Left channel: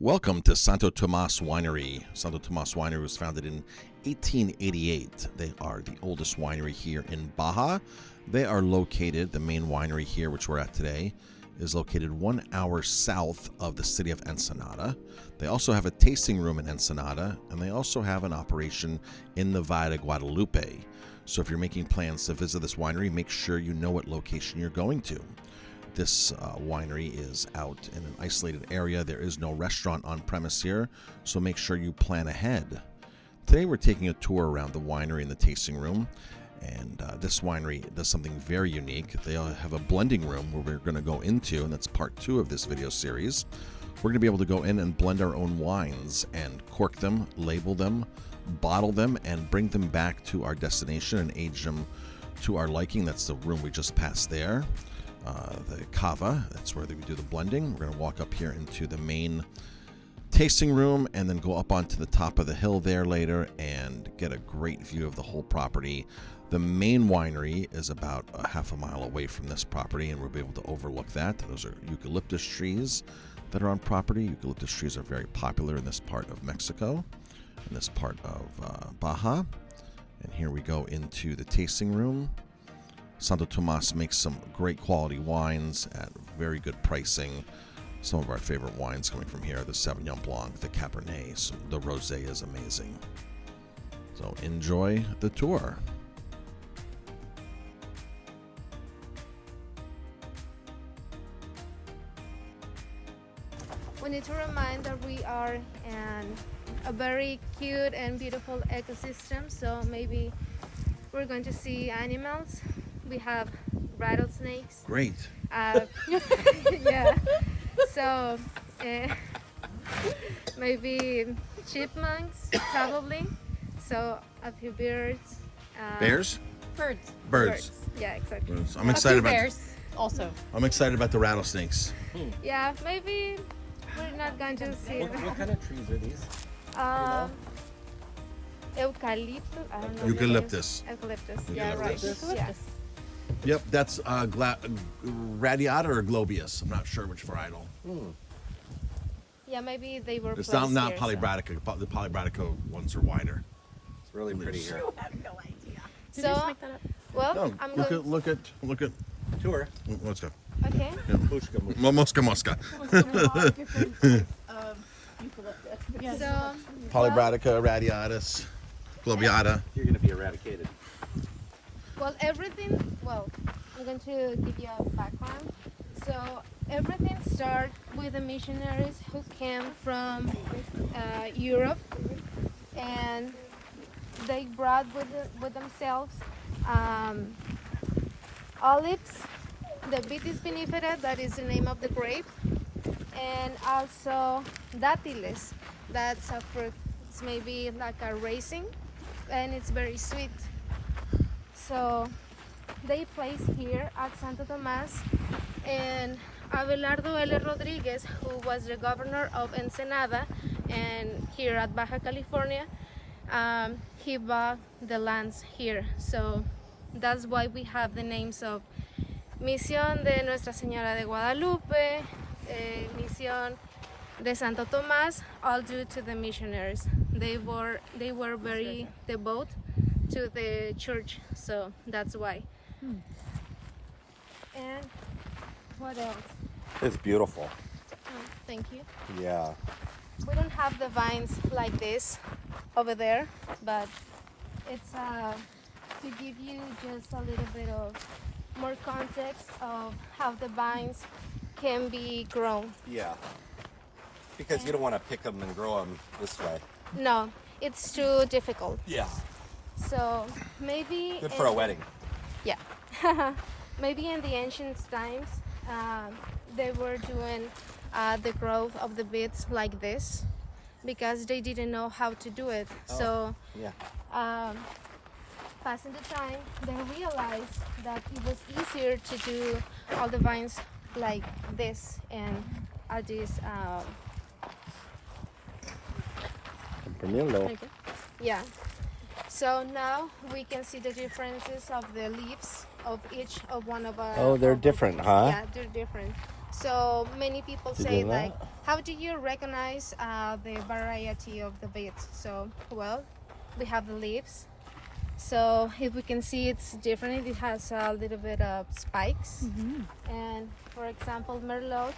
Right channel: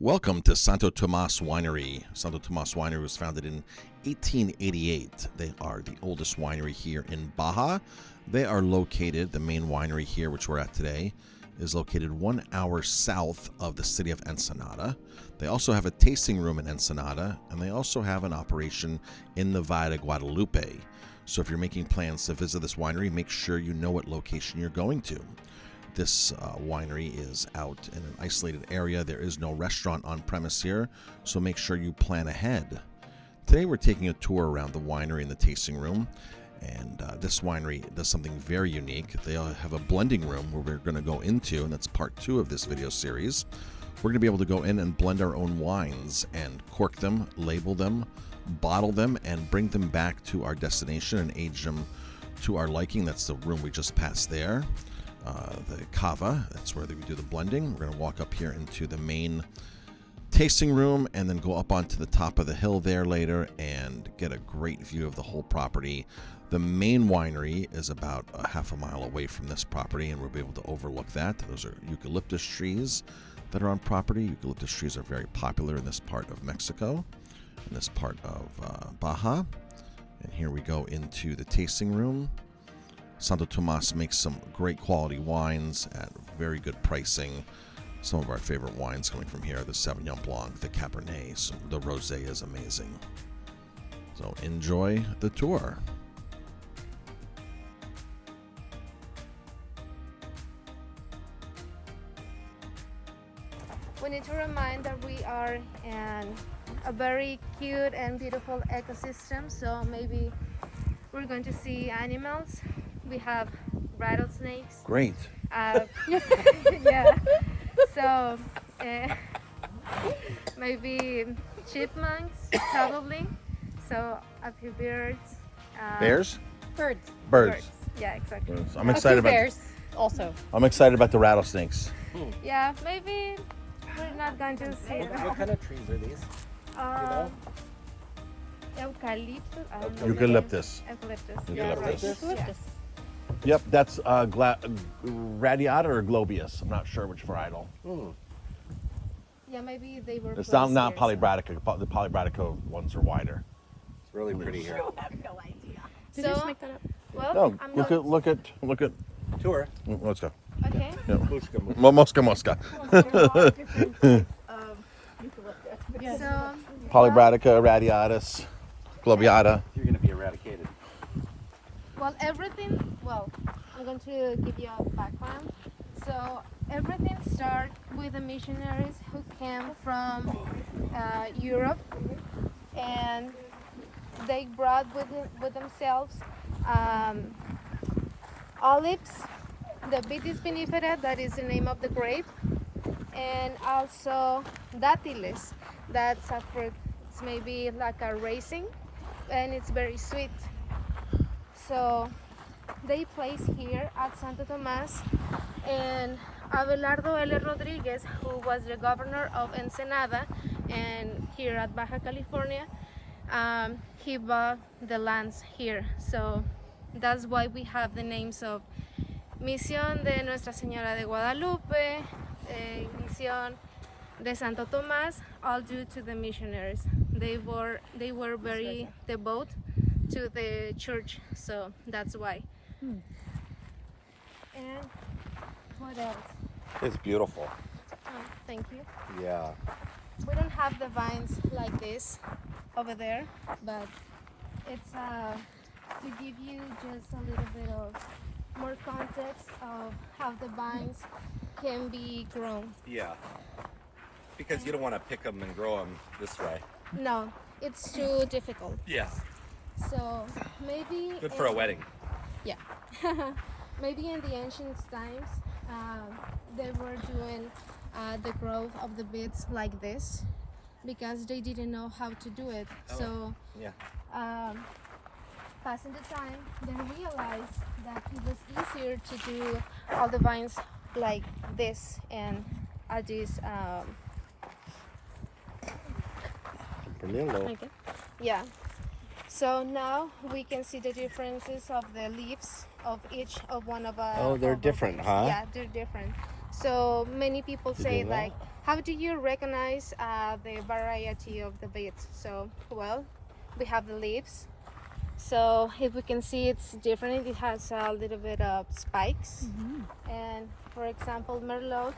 Welcome to Santo Tomas Winery. Santo Tomas Winery was founded in 1888. They are the oldest winery here in Baja. They are located, the main winery here, which we're at today, is located 1 hour south of the city of Ensenada. They also have a tasting room in Ensenada, and they also have an operation in the Valle de Guadalupe. So if you're making plans to visit this winery, make sure you know what location you're going to. This winery is out in an isolated area. There is no restaurant on premise here, so make sure you plan ahead. Today we're taking a tour around the winery and the tasting room, and this winery does something very unique. They have a blending room where we're going to go into, and that's part 2 of this video series. We're going to be able to go in and blend our own wines and cork them, label them, bottle them, and bring them back to our destination and age them to our liking. That's the room we just passed there. The cava, that's where we do the blending. We're going to walk up here into the main tasting room and then go up onto the top of the hill there later and get a great view of the whole property. The main winery is about a half a mile away from this property, and we'll be able to overlook that. Those are eucalyptus trees that are on property. Eucalyptus trees are very popular in this part of Mexico, in this part of Baja. And here we go into the tasting room. Santo Tomas makes some great quality wines at very good pricing. Some of our favorite wines coming from here are the Sauvignon Blanc, the Cabernet, the Rosé is amazing. So enjoy the tour. We need to remind that we are in a very cute and beautiful ecosystem, so maybe we're going to see animals. We have rattlesnakes. Great. Yeah. So maybe chipmunks, probably. So a few birds. Bears? Birds. Birds. Yeah, exactly. Birds. I'm excited about. Bears also. I'm excited about the rattlesnakes. Yeah, maybe we're not going to see them. What kind of trees are these? Eucalyptus. I don't know. Eucalyptus. Eucalyptus. Yeah, right. Eucalyptus. Yeah. Yep, that's Radiata or Globius. I'm not sure which varietal. Yeah, maybe they were. It's placed not here, Polybratica. The Polybratica ones are wider. It's really pretty here. I have no idea. So, well, No, I'm look going. at. Tour. Let's go. Okay. Mosca. So, Polybratica, Radiatus, Globiata. You're going to be eradicated. well, everything. Well, I'm going to give you a background. So, everything started with the missionaries who came from Europe, and they brought with themselves olives, the Vitis vinifera, that is the name of the grape, and also dátiles, that's a fruit. It's maybe like a raisin, and it's very sweet. So they place here at Santo Tomas, and Abelardo L. Rodriguez, who was the governor of Ensenada and here at Baja California, he bought the lands here. So that's why we have the names of Misión de Nuestra Señora de Guadalupe, Misión de Santo Tomas, all due to the missionaries. They were very devout to the church, so that's why. And what else? It's beautiful. Oh, thank you. Yeah. We don't have the vines like this over there, but it's to give you just a little bit of more context of how the vines can be grown. Yeah. Because you don't want to pick them and grow them this way. No, it's too difficult. Yeah. So maybe Good for a wedding. Yeah. Maybe in the ancient times, they were doing the growth of the beets like this because they didn't know how to do it. So Yeah. passing the time, they realized that it was easier to do all the vines like this and at this. Yeah. So now we can see the differences of the leaves of each of one of our. Oh, they're of our different, trees. huh? Yeah, they're different. So many people Did say you know? like, How do you recognize the variety of the beet? So, well, we have the leaves. So if we can see, it's different. It has a little bit of spikes. And for example, Merlot,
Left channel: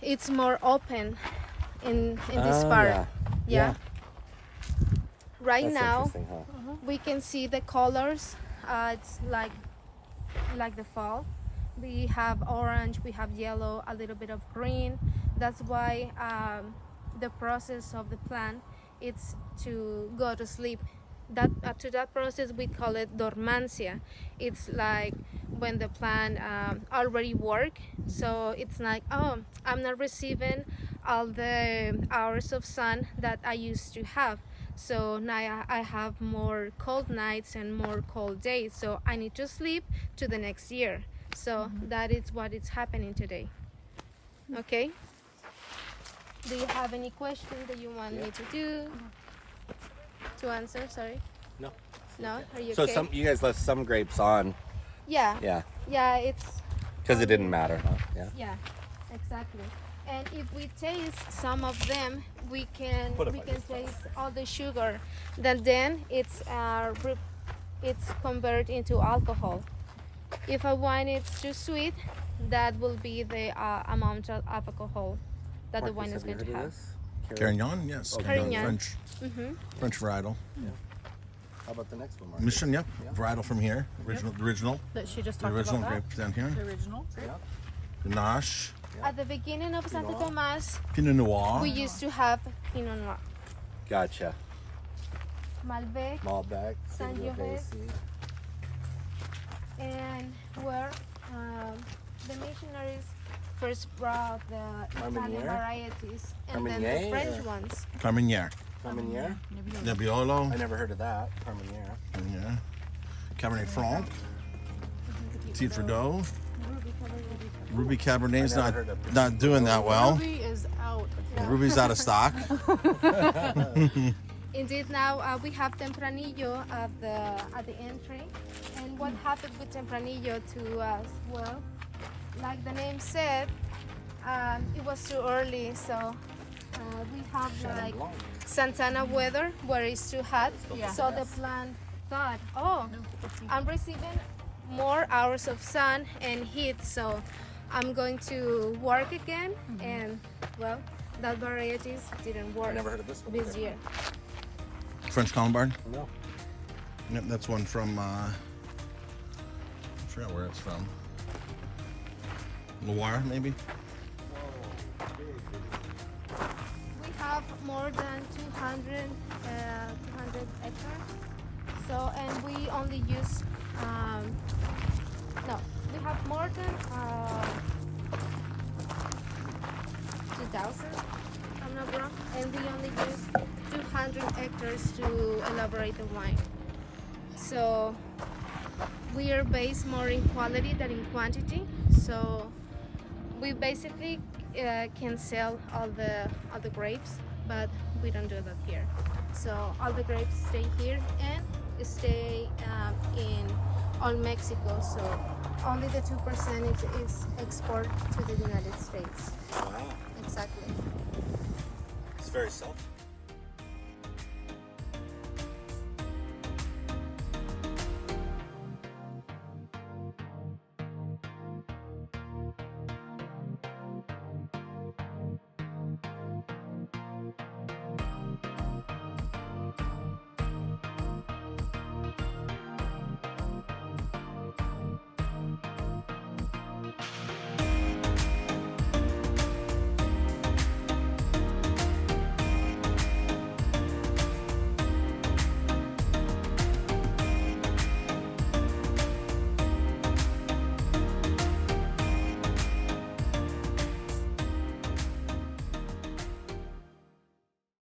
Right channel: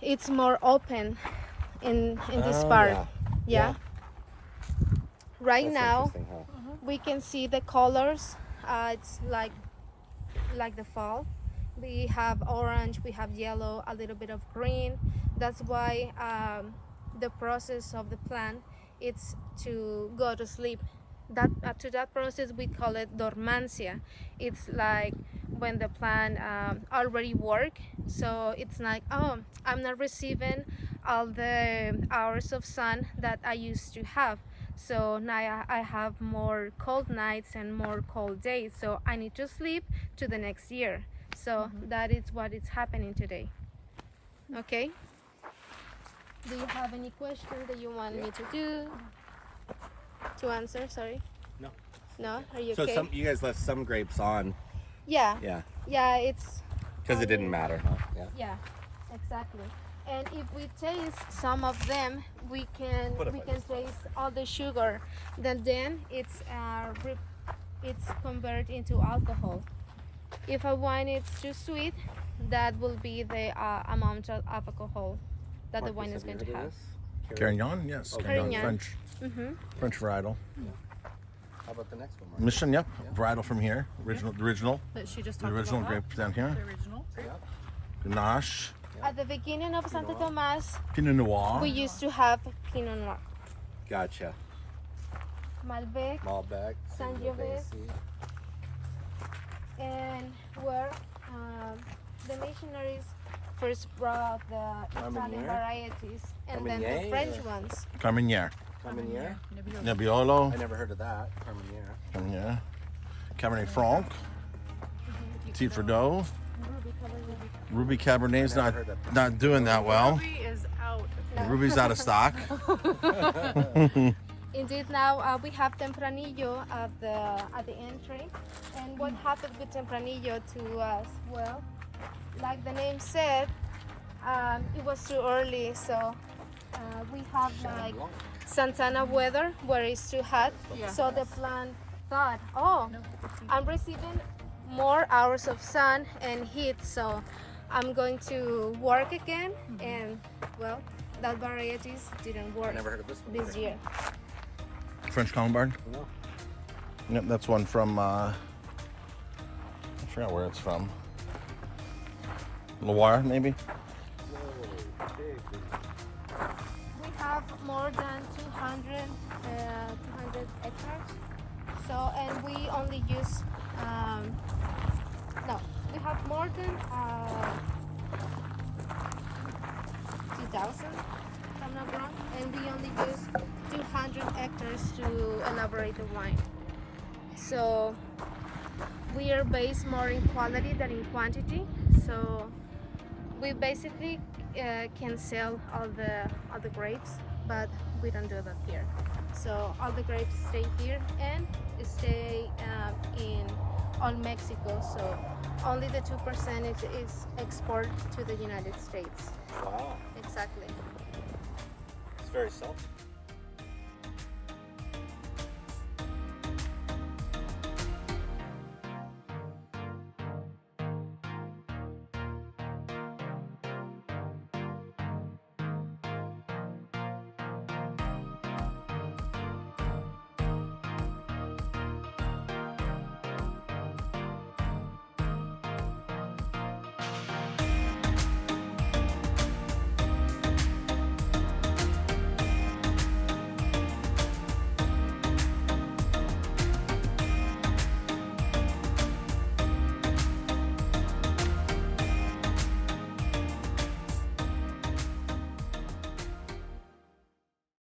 it's more open in this part. Yeah. Right That's now, interesting, huh? we can see the colors. It's like the fall. We have orange, we have yellow, a little bit of green. That's why the process of the plant, it's to go to sleep. That to that process we call it dormancia. It's like when the plant already work, so it's like, oh, I'm not receiving all the hours of sun that I used to have, so now I have more cold nights and more cold days, so I need to sleep to the next year. So that is what is happening today. Okay, do you have any questions that you want me to answer? Sorry. No, are you So okay? you guys left some grapes on. Yeah. Yeah. Yeah, it's Because it didn't matter. Yeah. yeah, exactly. And if we taste some of them, we can taste all the sugar. Then it's converted into alcohol. If a wine is too sweet, that will be the amount of alcohol that the wine is going to have. Carignan, yes. Carignan. French. French varietal. How about the next one? Mission, yep. Varietal from here. Original. That she just The talked original about grape down here. that? The original. Grenache. At the beginning of Santo Tomas, Pinot Noir. we used to have Pinot Noir, Gotcha. Malbec, Malbec. Sangiovese, and where the missionaries first brought the Italian Carmenere? varieties and then Carmenere? the French ones. Carmenere. Carmenere? Nebbiolo. I never heard of that. Carmenere. Yeah. Cabernet Franc. Tifredo. Ruby Cabernet's not doing that well. Ruby is out. Ruby's out of stock. Indeed, now we have Tempranillo at the entry. And what happened with Tempranillo to us? Well, like the name said, it was too early, so we have like Santana weather where it's too hot. So the plant thought, oh, I'm receiving more hours of sun and heat, so I'm going to work again. And well, that varieties didn't work Never heard of this one. this year. French Colombard. Yep, that's one from, I forgot where it's from. Loire, maybe? We have more than 200 hectares. So, and we only use, no, we have more than 2,000, if I'm not wrong, and we only use 200 hectares to elaborate the wine. So, we are based more in quality than in quantity. So, we basically can sell all the grapes, but we don't do that here. So all the grapes stay here and stay in all Mexico. So only the 2% is export to the United States. Wow. Exactly. It's very self.